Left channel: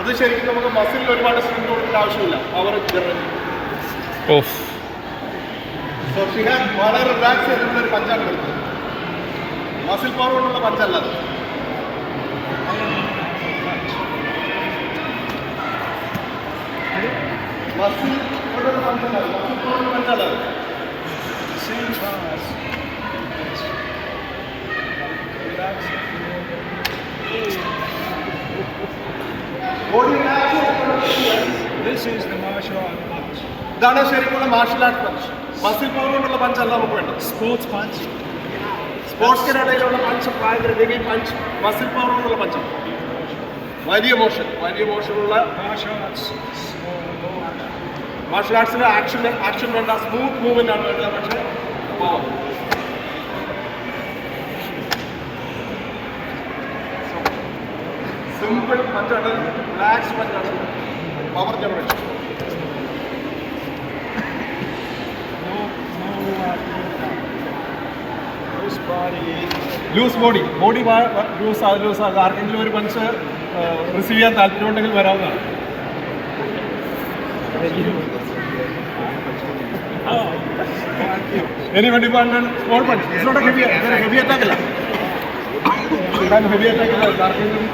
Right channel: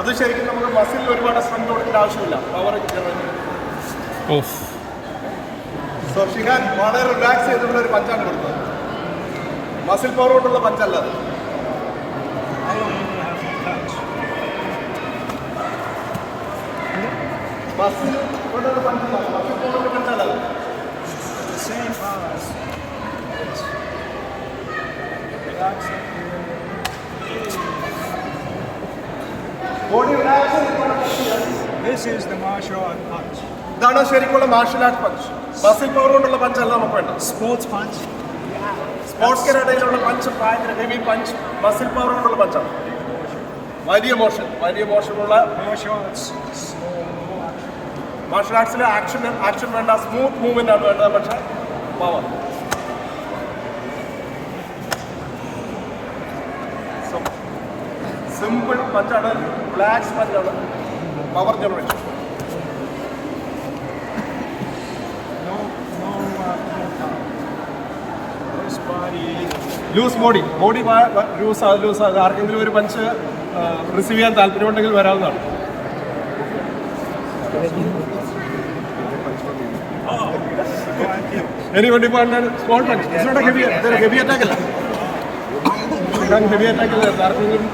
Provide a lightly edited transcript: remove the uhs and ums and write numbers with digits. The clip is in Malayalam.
അത് ശരിക്കും നമുക്ക് മസിലിൽ ഒരുപാട് സ്ട്രെങ്ത് കൊടുക്കേണ്ട ആവശ്യമില്ല. Power of. സോ ഷിഹാൻ വളരെ റിലാക്സ് ചെയ്തിട്ടുള്ള ഒരു പഞ്ചാണ് കൊടുത്തത്. മസിൽ പവർ കൊണ്ടുള്ള പഞ്ചല്ല അത്. മസിൽ കൊണ്ടുള്ള പഞ്ചല്ല, മസിൽ കൊണ്ടുള്ള പഞ്ചല്ല. ബോഡി റിലാക്സ് ചെയ്തിട്ടുള്ള This is the martial art punch. ഇതാണ് ശരിക്കുള്ള martial art punch. Muscle power കൊണ്ടുള്ള പഞ്ചല്ല നമുക്ക് വേണ്ട. Sports punch. സ്പോർട്സിനിടയിലുള്ള പഞ്ച് ഭയങ്കര ഹെവി പഞ്ച്, മസിൽ പവർ കൊണ്ടുള്ള പഞ്ചാണ്. വലിയ മോഷനുള്ള Martial arts. Slow action. Martial ആർട്സിന് ആക്ഷൻ വേണ്ട, സ്മൂത്ത് മൂവ്മെന്റ് ആണ് വേണ്ടത്. പക്ഷേ പവർ സിമ്പിൾ പഞ്ചാണ്, റിലാക്സ് പഞ്ചാണ്, power generation. No loose body. Loose body loose ആർക്കെങ്കിലും ഒരു പഞ്ച് റിസീവ് ചെയ്യാൻ താല്പര്യമുണ്ടെങ്കിൽ വരാവുന്നതാണ്. Anybody want a small punch? It's not a heavy attack അല്ല. ഹെവി അറ്റാക്ക് അല്ല. ആർക്കെങ്കിലും